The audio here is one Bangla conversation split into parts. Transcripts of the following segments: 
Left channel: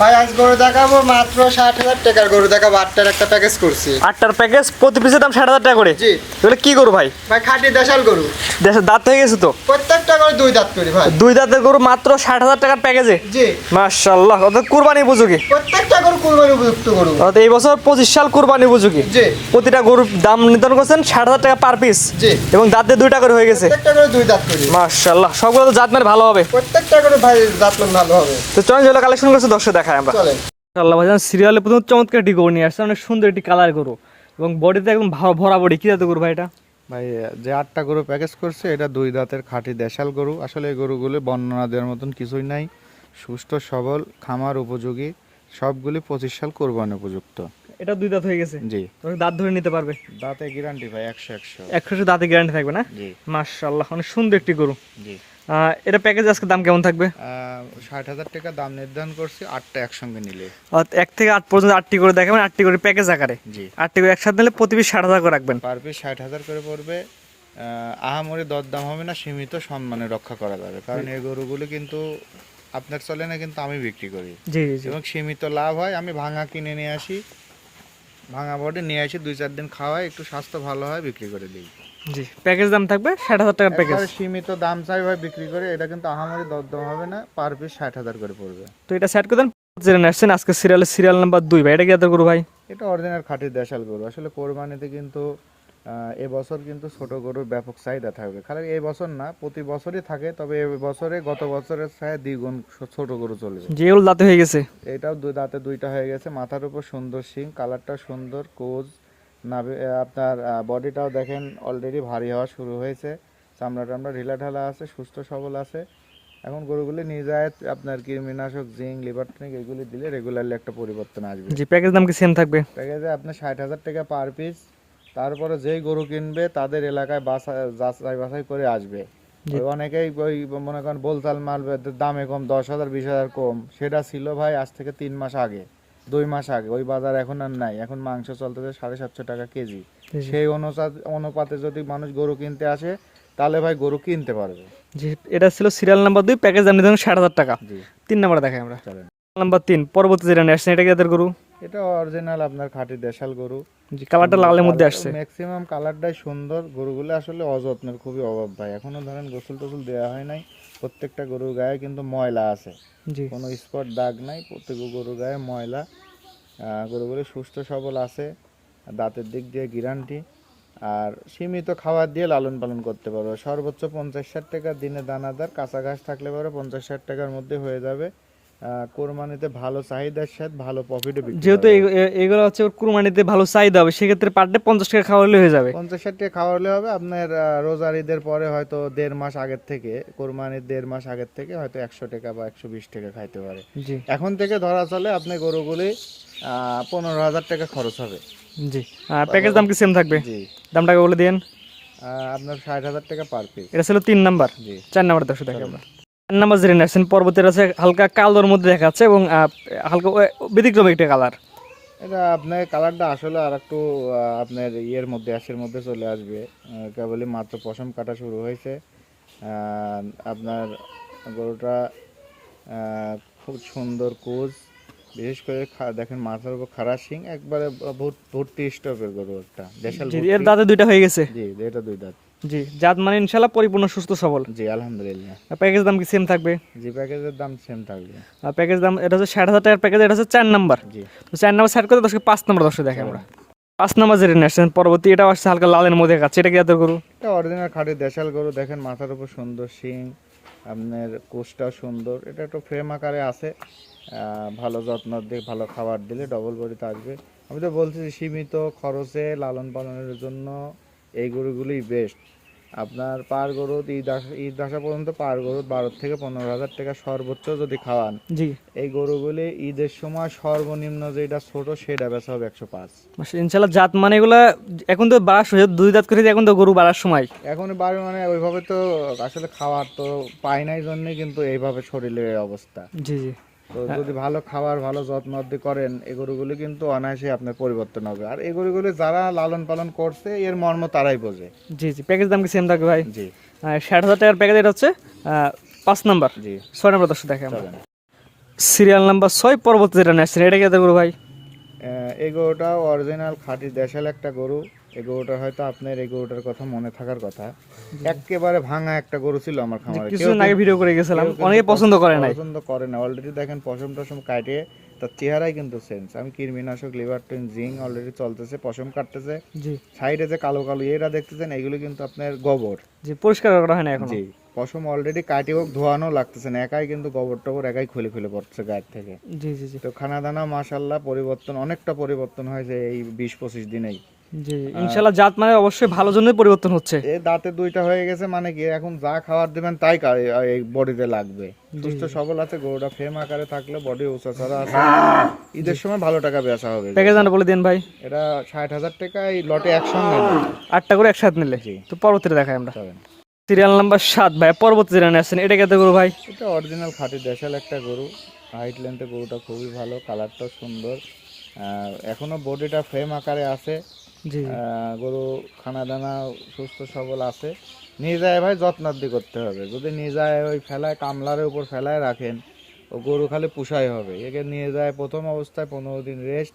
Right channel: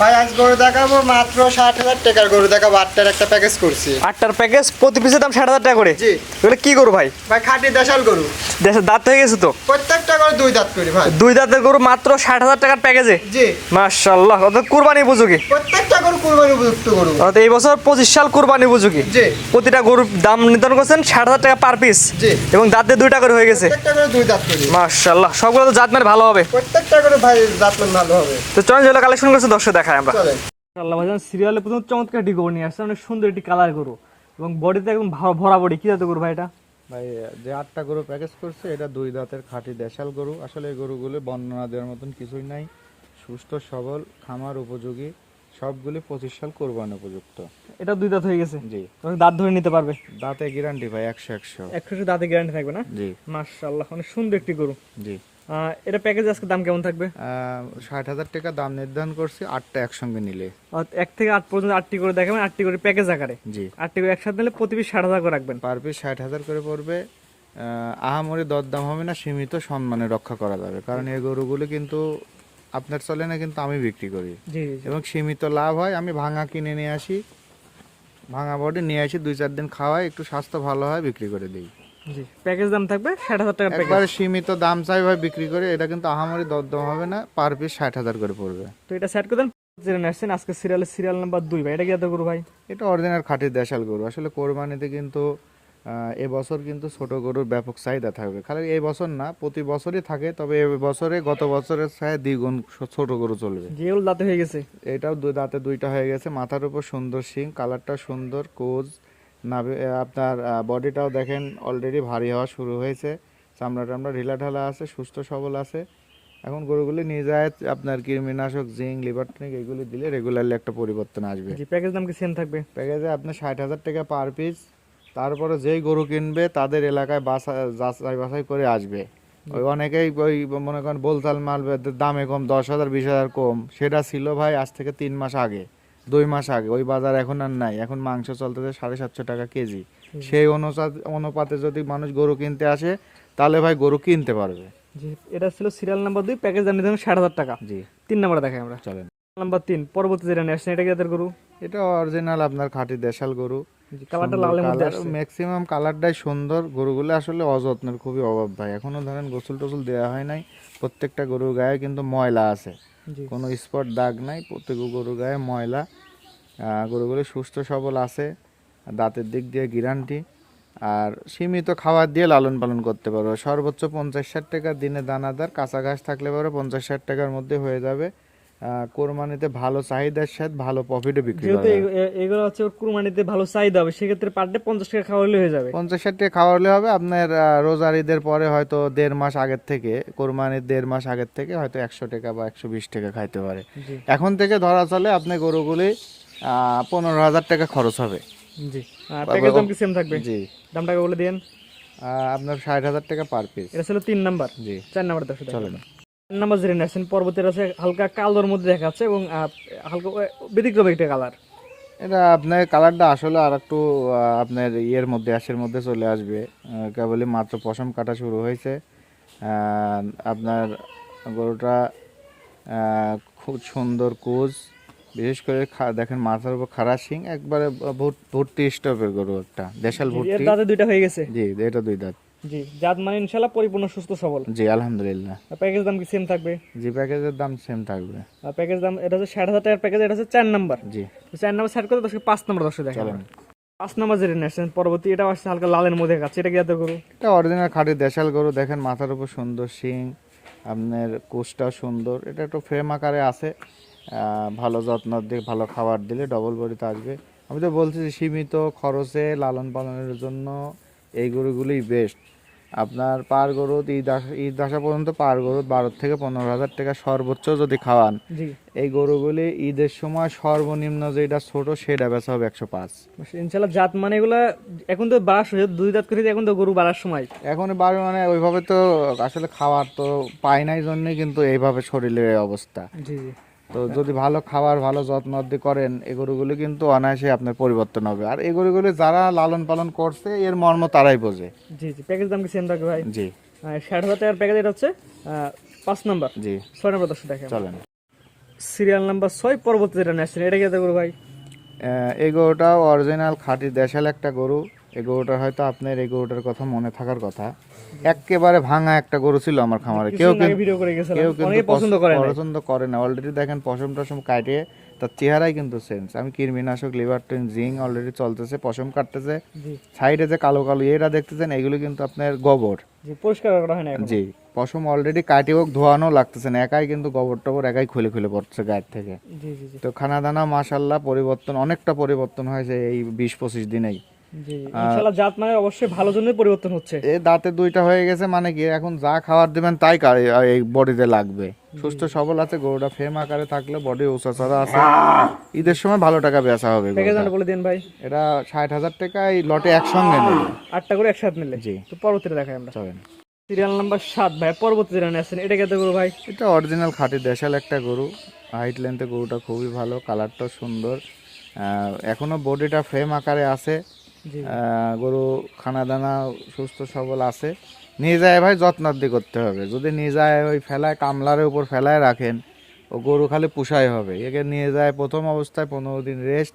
ভাই আজ গরু দেখাবো মাত্র ৬০,০০০ টাকার গরু দেখাবো। ৮টার একটা প্যাকেজ করছি। ৮টার প্যাকেজ, প্রতি পিসের দাম ৬০,০০০ টাকা করে। জি। এগুলো কি গরু ভাই? ভাই খাঁটি দেশাল গরু, দেশের দাঁত হয়ে গেছে তো? প্রত্যেকটা গরু ২ দাঁত করি ভাই। ২ দাঁতের গরু মাত্র ৬০,০০০ টাকার প্যাকেজে। জি। মাশাআল্লাহ, অর্থাৎ কুরবানি উপযোগী। প্রত্যেকটা গরু কুরবানি উপযুক্ত গরু। অর্থাৎ এই বছর ২৫ সাল কুরবানি উপযোগী। জি। প্রতিটা গরুর দাম নির্ধারণ করছেন ৬০,০০০ টাকা পার পিস। জি। এবং দাঁতে ২টা করে হয়ে গেছে। প্রত্যেকটা গরু ২ দাঁত করি। মাশাআল্লাহ, সবগুলো তো জাত মানে ভালো হবে। প্রত্যেকটা গরু ভাই জাতমান ভালো হবে। তো চলেন যেগুলো কালেকশন করছে দর্শক দেখায় আমরা। চলেন। মাশাআল্লাহ ভাইজান, সিরিয়ালে প্রথম চমৎকার একটি গরু নিয়ে আসছে, অনেক সুন্দর একটি কালার গরু এবং বডিতে একদম ভরা বডি। কি জাতের গরু ভাই এটা? ভাই যে ৮টা গরু প্যাকেজ করছে এটা ২ দাঁতের খাঁটি দেশাল গরু। আসলে এই গরুগুলো বর্ণনা দেওয়ার মতন কিছুই নাই, সুস্থ সবল খামার উপযোগী, সবগুলি ২৫ সাল কোরবানি উপযুক্ত। এটা ২ দাঁত হয়ে গেছে। জি। দাঁত ধরে নিতে পারবে? দাঁতে গ্যারান্টি ভাই ১০০। ১০০ দাঁতে গ্যারান্টি থাকবে না? জি। মাশাআল্লাহ, অনেক সুন্দর একটি গরু। জি। এটা প্যাকেজ আজকে দাম কেমন থাকবে? ৬০,০০০ টাকা দাম নির্ধারণ করছি ৮টা একসঙ্গে নিলে। ১ থেকে ৮ পর্যন্ত ৮টি করে দেখাবেন, ৮টি করে প্যাকেজ আকারে। জি। ৮টি করে একসাথে নিলে প্রতি পিস ৬০,০০০ করে রাখবেন। পার পিস ৬০,০০০ করে পড়বে। আহামরি দরদাম হবে না, সীমিত সম্মানে রক্ষা করা যাবে, কারণ এই গরুগুলো কিন্তু আপনার চলে না, কিন্তু আমি বিক্রি করি জি জি জি। এবং সীমিত লাভ হয়। আমি ভাঙা কিনে নিয়ে আসি, ভাঙা বডি নিয়ে আসি, ২-৪ দিন খাওয়াই, একটু স্বাস্থ্য ভালো হয়, বিক্রি করে দিই। জি, প্যাকেজ দাম থাকবে ৬০,০০০ টাকার প্যাকেজ। একবারে সীমিত দাম চাই ভাই, বিক্রি করে। এটা কিন্তু আহামরি দরদাম হবে না, পার পিস ৬০,০০০ করে পড়বে। তো এটা সেট করে দেন। জেনে আসছেন আজকে সিরিয়াল নাম্বার ২ ভাই, এটা কি জাতের গরু ভাই? এটা অরিজিনাল খাঁটি দেশাল গরু। আসলে কোরবানিতে কিন্তু এবছর কিন্তু ছোট গরুর ব্যাপক চাহিদা থাকবে। খালি এই বছর না, প্রতি বছরই থাকে, তবে এবছরে গত বছরের চাই দ্বিগুণ ছোট গরু চলবে। যেগুলো দাঁতে হয়ে গেছে। এটাও দাঁতে ২টা হয়ে গেছে, মাথার উপর সুন্দর শিং, কালারটাও সুন্দর, কোজ নাভি, আপনার বডিটাও দেখেন অলরেডি ভারী হওয়া শুরু হয়েছে, চামড়া টামড়া ঢিলা ঢালা আছে, সুস্থ সবল আছে। এখন গরুগুলি নিয়ে যায় আপনার কৃমিনাশক, জিঙ্ক, লিভার টনিক এগুলি দিলে রেগুলারলি একটা পরিবর্তন আসবে। জি, প্যাকেজ দাম কি সেম থাকবে? প্যাকেজে আপনার ৬০,০০০ টাকা পার পিস। তারপরে যেই গরু কিনবে তাদের এলাকায় যাচাই বাছাই করে আসবে। ওই অনেকেই ওই মনে করেন বোলতাল মাল দামে কম, ১০,০০০ ২০,০০০ কম, সেটা ছিল ভাই আজ থেকে ৩ মাস আগে, ২ মাস আগে। ওই বাজার এখন আর নাই। এখন মাংস চলতেছে ৭৫০ টাকা কেজি। সেই অনুপাতে যদি মানুষ গরু কিনতে আসে তাহলে ভাই গরু কিনতে পারবে। জি, এটা ছিল সিরিয়াল নাম্বার ২, প্যাকেজ দাম নিতে ৬০,০০০ টাকা। জি। ৩ নাম্বার দেখাই আমরা। চলেন। নাম্বার ৩ পরবর্তী যেটা নিয়ে আসছেন, এটা কি জাতের গরু? এটা অরিজিনাল আপনার খাঁটি দেশাল গরু। জি, কালারটা লালের মধ্যে আসছে। ম্যাক্সিমাম কালারটাই সুন্দর। গরুগুলো আসলে অযত্নের খুবই অভাব ভাই। এখনো ধরেন গোসল টোসল দেওয়া হয় নাই। প্রত্যেকটা গরুর গায়ে কিন্তু ময়লা আছে, জি। কোনো স্পট দাগ নাই, প্রত্যেক গরুর গায়ে ময়লা। গরুগুলো সুস্থ সবল আছে, দাঁতের দিক দিয়ে গ্যারান্টি। আর সীমিত খাবার দিয়ে লালন পালন করতে পারবো। সর্বোচ্চ ৫০-৬০ টাকা দিনে দানাদার, কাঁচা ঘাস থাকলে পরে ৫০-৬০ টাকার মধ্যে হয়ে যাবে। কোরবানিতে ভালো চাহিদার সাথে ভালো প্রফিটে বিক্রি যেহেতু হবে। এগুলো হচ্ছে কুরবানিতে ভালো চাহিদা হবে, সেক্ষেত্রে পার ডে ৫০ টাকা খাওয়া হলে হয়ে যাবে। ৫০-৬০ টাকা খাওয়ালে হবে। আপনার রোজার ঈদের পরে হয়তো ১.৫ মাস আগের থেকে, কোরবানির ১.৫ মাস আগের থেকে হয়তো ১০০ টাকা বা ১২০ টাকা খাইতে পারে। জি এখন থেকে ধরা চলে আপনি গরুগুলি ১৫,০০০ টাকা খরচ হবে। জি। প্যাকেজ দাম কি সেম থাকবে? জি। দামটাকে বলে দেন। আপনার ৬০,০০০ টাকা পার পিস। এটা ছিল ৩ নাম্বার। জি। ৪ নাম্বার দর্শক দেখাবো। ৪ নাম্বার যেটা নিয়ে আসছেন পরবর্তীটা আছে হালকা কালোর মধ্যে দেখাচ্ছে এবং হালকা ব্যতিক্রম একটা কালার। এটা আপনার কালারটা আসলে আর একটু আপনার ইয়ের মধ্যে, অ্যাশের মধ্যে চলে আসবে। কেবলই মাত্র পশম কাটা শুরু হয়েছে। আপনার গরুটা খুব সুন্দর কোজ, বিশেষ করে দেখেন মাথার উপর খাড়া শিং, একবারে ভর্তি স্টপের গরু, একটা দেশাল জি, ভর্তি। এর দাঁতে ২টা হয়ে গেছে। জি, এটা ২ দাঁত। জি, জাত মানে ইনশাআল্লাহ পরিপূর্ণ সুস্থ সবল। জি, আলহামদুলিল্লাহ। প্যাকেজ দাম কি সেম থাকবে? জি, প্যাকেজের দাম সেম থাকবে। প্যাকেজ দাম এটা হচ্ছে ৬০,০০০ টাকার প্যাকেজ, এটা হচ্ছে ৪ নাম্বার। জি। তো ৪ নাম্বার সেট করে দর্শক ৫ নাম্বার দর্শক দেখাবো। ৫ নাম্বার যেটা নিয়ে আসছেন পরবর্তী, এটা আসছে হালকা লালের মধ্যে দেখাচ্ছে। এটা কি জাতের গরু? এটা অরিজিনাল খাঁটি দেশাল গরু। দেখেন মাথার উপর সুন্দর শিং, আপনার কোষটাও সুন্দর। এটা একটু ফ্রেম আকারে আছে। ভালো যত্ন দিয়ে ভালো খাবার দিলে ডবল বডিতে আসবে। আমি তো বলছি যে সীমিত খরচে লালন পালনের জন্য এই গরুগুলোই বেস্ট। আপনার পার গরু ঈদ আসা পর্যন্ত পার গরু ১২ থেকে ১৫,০০০ টাকা সর্বোচ্চ যদি খাওয়ান, জি। এই গরুগুলি ঈদের সময় সর্বনিম্ন যেটা ছোট সেটা বেচা হবে ১০৫। ইনশাআল্লাহ জাত মানে এগুলা এখন তো বাড়ার সময় ২ দাঁত করে, এখন তো গরু বাড়ার সময়। এখন বাড়ি মানে ওইভাবে তো আসলে খাবার তো পাই নাই জন্যই কিন্তু এইভাবে শরীরের এই অবস্থা। জি জি। তো যদি ভালো খাবার ভালো যত্ন করেন, এই গরুগুলো কিন্তু অনায়াসে আপনার পরিবর্তন হবে। আর এই গরুগুলো যারা লালন পালন করছে এর মর্ম তারাই বোঝে। জি জি, প্যাকেজ দাম কি সেম থাকবে ভাই? জি। ৬০,০০০ টাকার প্যাকেজ, এটা হচ্ছে ৫ নাম্বার। জি। ৬ নাম্বার দর্শক দেখাবো। চলেন। সিরিয়াল নাম্বার 6 পরবর্তী যেটা নিয়ে আসছেন এটা কি গরু ভাই? এই গরুটাও অরিজিনাল খাঁটি দেশাল একটা গরু। এই গরুটার হয়তো আপনার এই গরুটার কথা মনে থাকার কথা। একেবারে ভাঙা একটা গরু ছিল আমার খামারে, কেউ কিছুদিন আগে ভিডিও করে গেছিলাম, কেউ কিন্তু অনেকে পছন্দ করে না। পছন্দ করে না। অলরেডি দেখেন পশম টসম কাটে, তার চেহারাই কিন্তু চেঞ্জ। আমি কৃমিনাশক লিভারটন জিঙ্ক অলরেডি চলতেছে, পশম কাটতেছে। জি সাইডে যে কালো কালো এরা দেখতেছেন এগুলো কিন্তু আপনার গোবর। জি, পরিষ্কার করা হয় না এখন। জি, পশম অলরেডি কাটে হোক ধোয়ানো লাগতেছে না, একাই কিন্তু গোবর টবর একাই খুলে খুলে পড়ছে গায়ের থেকে। জি জি জি তো খানা দানা মাশাল্লাহ পরিবর্তন, অনেকটা পরিবর্তন হয়েছে এই 20-25 দিনেই। জি, ইনশাআল্লাহ জাত মানে অবশ্যই ভালো জন্যই পরিবর্তন হচ্ছে। এই দাঁতে দুইটা হয়ে গেছে, মানে কি এখন যা খাবার দিবেন তাই এই বডিতে লাগবে। সুস্থ সবল আছে গরুটা, ফ্রেম আকারে থাকলে বডি উঁচা আছে। ঈদের সময় ভালো টাকা বেচা হবে। প্যাকেজ নাম্বার বলে দিন ভাই। এটা 60,000 টাকা এই লটে একসঙ্গে নেবে। 8টা করে একসাথে নিলে। জি। তো পরবর্তীতে দেখাই আমরা। চলেন। সিরিয়াল নাম্বার 7 ভাই, পরবর্তী যেটা নিয়ে আসছেন এটা কি গরু ভাই? এটা অরিজিনাল খাঁটি দেশাল একটা গরু। হাইট লেন্থে গরুটা খুবই ভালো, কালারটা সুন্দর। এখনো বডিটা ফ্রেম আকারে আছে। জি গরু খানা দানা সুস্থ সবল আছে। নিয়ে যায় ভাই যত্নার্দি করতে হবে। যদি নিয়ে যায় ওই ফেলায় কামলারের উপর ফেলায় রাখেন, ও গরু খালি পুষাই হবে। একে নিয়ে যায় প্রথম অবস্থায় 15 দিন রেস্ট,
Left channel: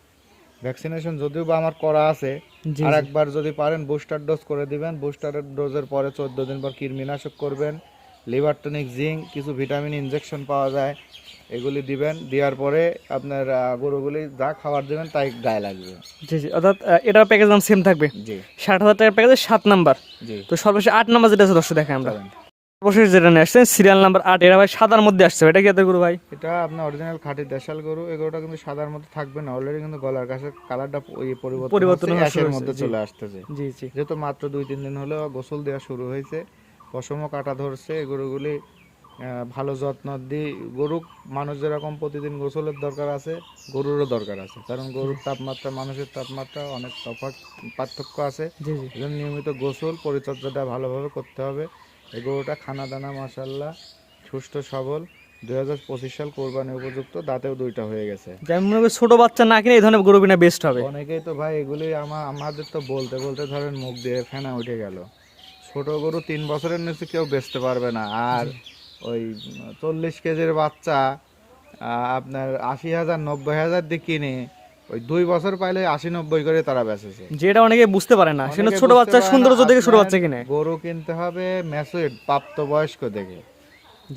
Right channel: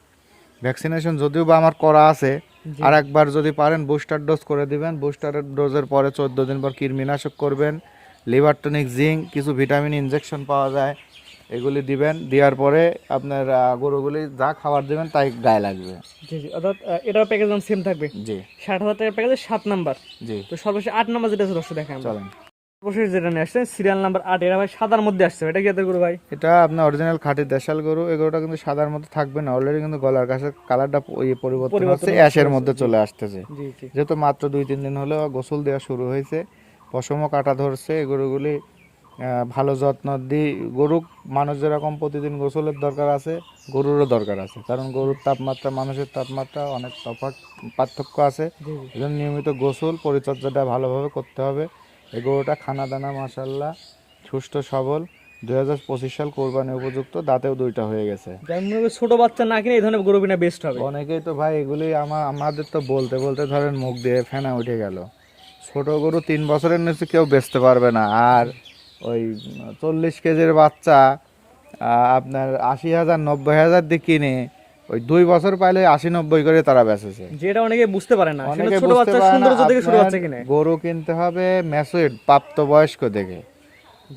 ভ্যাকসিনেশন যদিও বা আমার করা আছে। আর একবার যদি পারেন বুস্টার ডোজ করে দিবেন। বুস্টার ডোজের পরে 14 দিন পর কৃমিনাশক করবেন, লিভার টনিক জিঙ্ক, কিছু ভিটামিন ইনজেকশন পাওয়া যায়, এগুলি দিবেন। দেওয়ার পরে আপনার গরুগুলি যা খাবার দেবেন তাই গায়ে লাগবে। জি জি, অর্থাৎ এটার প্যাকেজ দাম সেম থাকবে। জি 60,000 টাকার প্যাকেজে 7 নাম্বার। জি। তো সর্বশেষ 8 নাম্বার যেটা আছে দর্শক দেখেন আমরা। সর্বশেষ যেটা নিয়ে আসছেন সিরিয়াল নাম্বার 8, এটা ভাই সাদার মধ্যে আসছে, এটা কি গরু ভাই? এটা আপনার অরিজিনাল খাঁটি দেশাল গরু। এই গরুটা কিন্তু সাদার মধ্যে থাকবে না, অলরেডি কিন্তু গলার কাছে কালারটা পরিবর্তন হচ্ছে, অ্যাশের মধ্যে চলে আসতেছে। জি জি যেহেতু মাত্র 2-3 দিন হলো গোসল দেওয়া শুরু হয়েছে, পশমও কাটা ধরছে। এই গরুগুলি ভালো যত্ন দিই। গরু মানুষ যেরকম প্রতিদিন গোসলের দরকার আছে, গরুরও দরকার আছে, কারণ গরুর তাপমাত্রা মানুষের তাপমাত্রা অনেক পার্থক্য আছে। জি জি এই জন্য নিয়মিত গোসল পরিচর্যাটা ভালোভাবে করতে হবে। এই গরুটা খানা দানা মাশাল্লাহ সুস্থ সবল, 2025 সাল কোরবানি উপযুক্ত, দাঁতেও 2টা হয়ে গেছে। যেমন মনে করি ছোট বাচ্চা না কিনে এই ধরনের গরু কিনা বেস্ট হবে। অনেকেই তো ভাই এগুলি আমাদের তো বলতে বলতে ধরেন মুখ দিয়ে ফেনা উঠে গেল। ছোট গরু 3 বছরের নিচে কেউ বেচতে পারবে না। আর ওই 40 কেজির বাচ্চা আপনার 80,000 90,000 দিয়ে কিনে ওই 2 বছর পাইলে 80-90 করে তারা বেচেছে। যেটা অনেকে বুঝতে পারে না, সেটা অনেকে ছোট বুঝতে বাচ্চা পারে না, সৌন্দর্য দেখে ছোট আপনার বাচ্চা কিনে। গরু কিনতে হবে ম্যাচুরড প্রাপ্তবয়স্ক দেখে।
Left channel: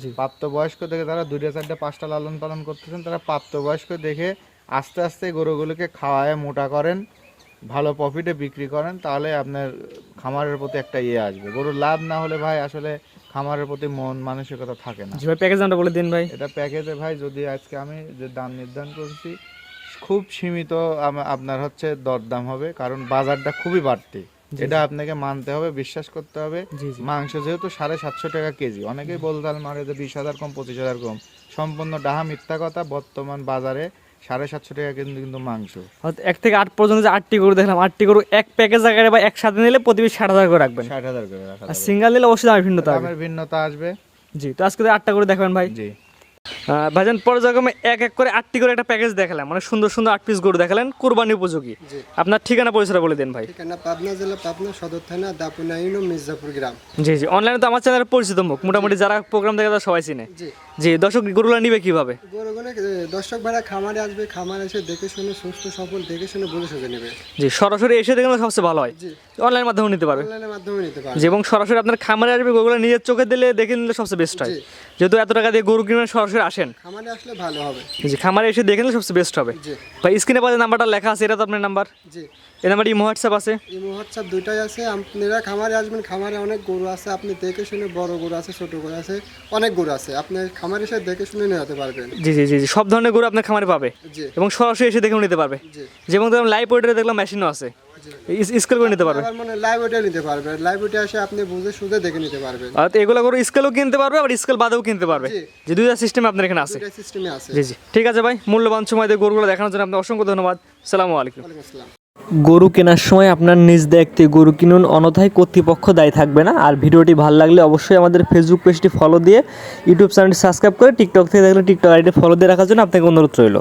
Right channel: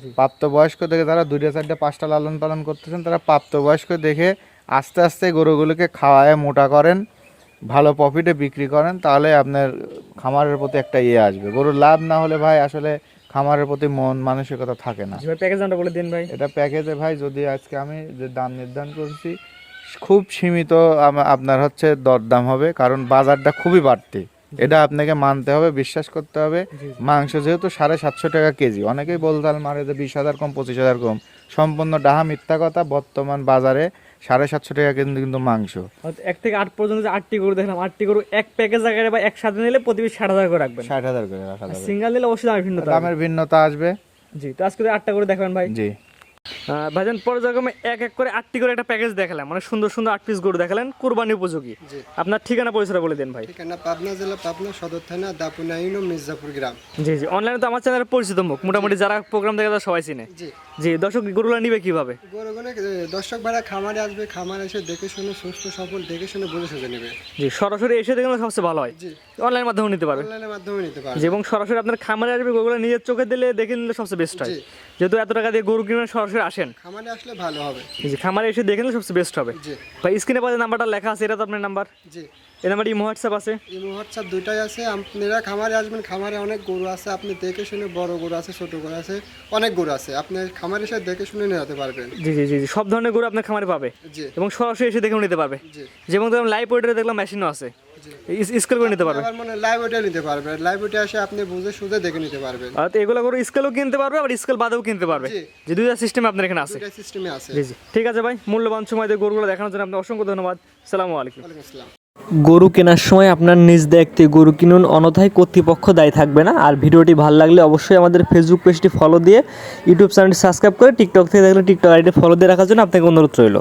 জি প্রাপ্তবয়স্ক দেখে যারা 2টা 4টা 5টা লালন পালন করতেছেন, তারা প্রাপ্তবয়স্ক দেখে আস্তে আস্তে গরুগুলোকে খাওয়ায় মোটা করেন, ভালো প্রফিটে বিক্রি করেন, তাহলে আপনার খামারের প্রতি একটা আসবে। গরুর লাভ না হলে ভাই আসলে খামারের প্রতি মন মানসিকতা থাকে না। জি ভাই, প্যাকেজ নামটা বলে দিন ভাই। এটা প্যাকেজে ভাই যদি আজকে আমি যে দাম নির্ধারণ করছি খুব সীমিত, আপনার হচ্ছে দরদাম হবে, কারণ বাজারটা খুবই বাড়তি। এটা আপনাকে মানতে হবে, বিশ্বাস করতে হবে। জি জি মাংস যেহেতু 750 টাকা কেজি, অনেকেই বলতাল মারে যে 20,000 কম 25,000 কম, সম্পূর্ণ ডাহা মিথ্যা কথা। বর্তমান বাজারে 750 টাকা কিন্তু মাংস। 1 থেকে 8 পর্যন্ত যে 8টি গরু দেখলাম, 8টি গরু এক প্যাকেজ আকারে বা একসাথে নিলে প্রতি পিস 60,000 করে রাখবেন। 60,000 করে রাখা আর যাবে। সিঙ্গেল নিলে অবশ্যই দামের ভিন্নতা হবে। দামের ভিন্নতা আসবে। জি, তো আজকে 8টা করে দেখাবেন ভাই। জি ভাইজান পর্যায়ক্রমে এক এক করে 8টি করে একটা প্যাকেজ দেখালাম, মানে সুন্দর সুন্দর 8 পিস গরু দেখালেন কুরবানি উপযোগী। জি। আপনার ঠিকানা পরিচয় বলে দেন ভাই। ঠিকানা পাবনা জেলা, পাবনা সদর থানা, দাপুনা ইউনিয়ন, মির্জাপুর গ্রাম। জি জি, অনলাইনে তো আমার চ্যানেলের পরিচিত মুখ, মোটামুটি যারা প্রোগ্রাম দেখে তারা সবাই চিনে। জি। জি, দর্শক গরুলা নিবে কিভাবে? গরুগুলো দর্শক ভাড়া খামারে আসবে, খামারে এসে দেখে শুনে সুস্থ সফল দেখে শুনে বুঝে সুঝে নেবে। জি, সরাসরি এসে দেখলে সবচেয়ে ভালো হয়। জি। অনলাইনের মাধ্যমে নিতে পারবে। অনলাইনের মাধ্যমে নিতে পারবে। জি, এবং সরাসরি আপনার খামারে আসবে, গরুগুলো নিজের চোখে দিলে দেখে নিলে সবচেয়ে বেস্ট হয়। জি। যেহেতু এত টাকা দিয়ে গরু কিনে সরাসরি আসেন, খামারে আসলে ভালো হবে। জি, খামারে এসে দেখে নিলে সবচেয়ে বেস্ট হবে। জি। ভাই স্ক্রিনে পাশে নাম্বারটা লেখা আছে, এটা তো আপনার নাম্বার। জি। এই নাম্বার ইমো হোয়াটসঅ্যাপ আছে। এই হোয়াটসঅ্যাপ দুইটাই আছে। আপনারা খামারে আসবেন, খামারে অনেক গরু আছে, আপনি দেখে শুনে, বড় গরু আছে, ছোট গরু আছে, অনেক গরু আছে, আপনি খামারে এসে দেখে শুনে নিয়ে যেতে পারবেন। জি জি জি জি, সব ধরনের গরু আপনার খামারে পাবে জি। এবং সরাসরি এসে দেখেও নিতে পারবে। জি। যেমন ধরুন লাইভ ওয়েটারে দেখলাম মেশিনও আছে, জি। স্কেল করে নিতে পারবে। আবার মানে লাইভ ওয়েটে নিতে পারবে, লাইভ ওয়েটে এসে আপনি বুঝে সুঝে দেখে নিতে পারবেন। আর এগুলো গরু স্কেলও কিনতে পারবে, আবার স্কেল বাদেও কিনতে পারবে। জি। যে দুইটা সিস্টেম আপনার এখানে আছে। দুইটা সিস্টেমে আছে। জি জি, ঠিক আছে ভাই, মূল্যবান সময় দিয়ে গরুগুলো দেখানোর জন্য আপনার অসংখ্য ধন্যবাদ। আসসালামু আলাইকুম। ওয়ালাইকুম আসসালাম। গরু কেনার সময় আপনার নিজ দায়িত্বে গরু কিনুন, অন্যথায় কর্তৃপক্ষ দায়ী থাকবে না। আর ভিডিওটি ভালো লাগলে অবশ্যই আমাদের ফেসবুক পেজটি ফলো দিয়ে, ইউটিউব চ্যানেলটি সাবস্ক্রাইব করে, টিকটক থেকে দেখলে টিকটক আইডি ফলো দিয়ে রাখার জন্য আপনাকে অনুরোধ রইল।